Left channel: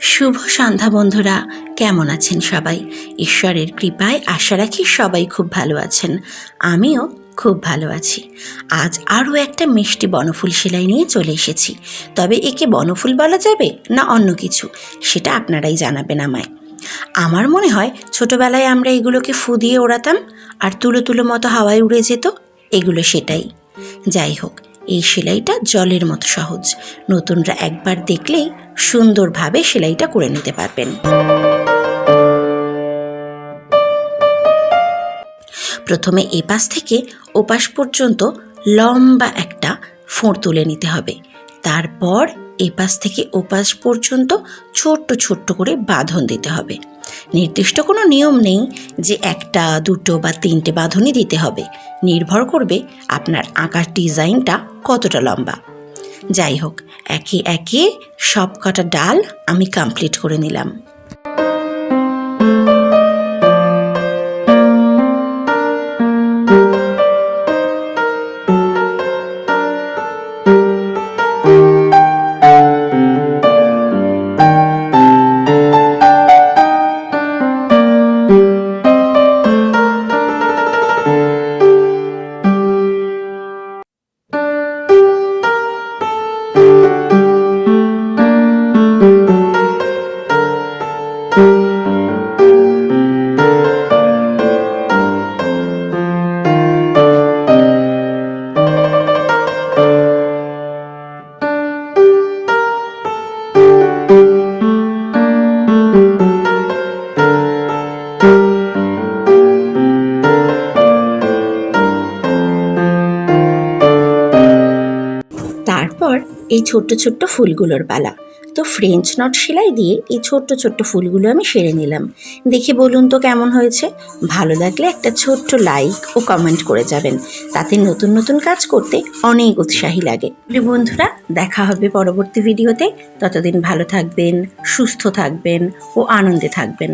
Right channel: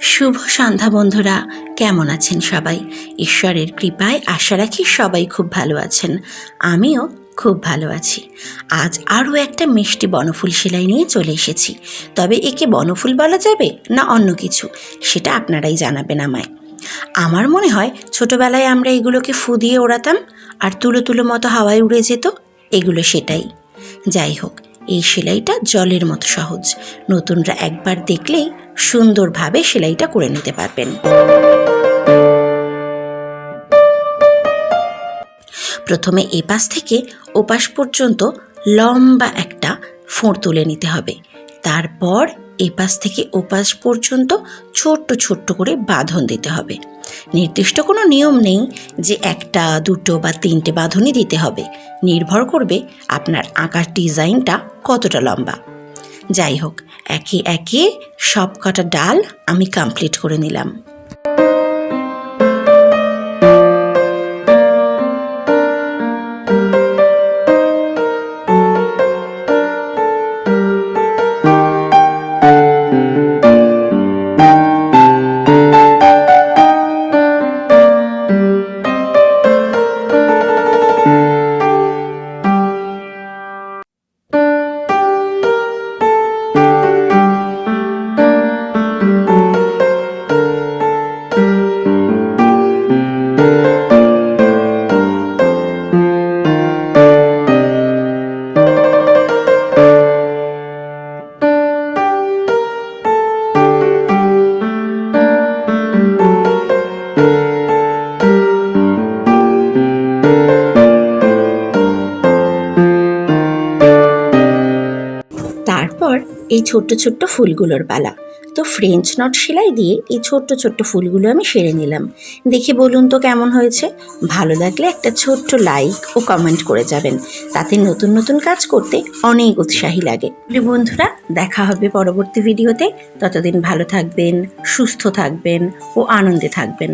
শুভ সন্ধ্যা বন্ধুরা, কেমন আছেন সবাই? ঈশ্বরের কৃপায় আশা রাখি সবাই খুব ভালো আছেন। আমিও খুব ভালো আছি। আজ আরও একটা মিষ্টি বনফুল সেলাই নিয়ে চলে এসেছি। তবে একে বনফুল বলা যাবে না অন্য কিছু, সেটা আপনারাই জানাবেন আমায়। আমার মনে হয় ছোটোবেলায় আমরা এগুলোকে ফু দিয়ে ওড়াতাম আর তুলো তুলো মতো হাওয়ায় উড়ে যেত, এগুলো সেটাই। যাই হোক, এই সেলাইটা জলের মতো সহজ। নতুনরা একবার দেখলেই সুন্দরভাবে সেলাইটা করে নিতে পারবেন। প্রথমে এপাশ থেকে ওপাশ পর্যন্ত লম্বা একটা ফোঁড় তুলে নিতে হবে। তারপর এপাশ থেকে ওপাশ পর্যন্ত ছোট্ট ছোট্ট করে বাঁধন দিতে হবে। নির্দিষ্ট কোনো নিয়ম নেই যে একটা, দুটো বা তিনটে বাঁধনই দিতে হবে, নির্ভর করবে আপনার আঁকার ডিজাইনটা কতটা লম্বা। যাই হোক, একে একে সব কটা ডাল আমি কমপ্লিট করে নিলাম। তারপর এই ছোট্ট ছোট্ট ফুলগুলোর পালা। তো ফ্রেঞ্চ নট সেলাই দিয়ে এই ছোট্ট ছোট্ট ফুলগুলো আমি সেরে নিলাম। দেখে বলুন তো কেমন হয়েছে? ভালো লাগলে একটা ছোট্ট লাইক ও কমেন্ট করে যাবেন, তাতে নতুন নতুন কাজ করতে অনেক উৎসাহী লাগে। বন্ধুরা, দেখা হবে পরবর্তী ভিডিওতে। ততদিন ভালো থাকবেন, সুস্থ থাকবেন ও আনন্দে থাকবেন।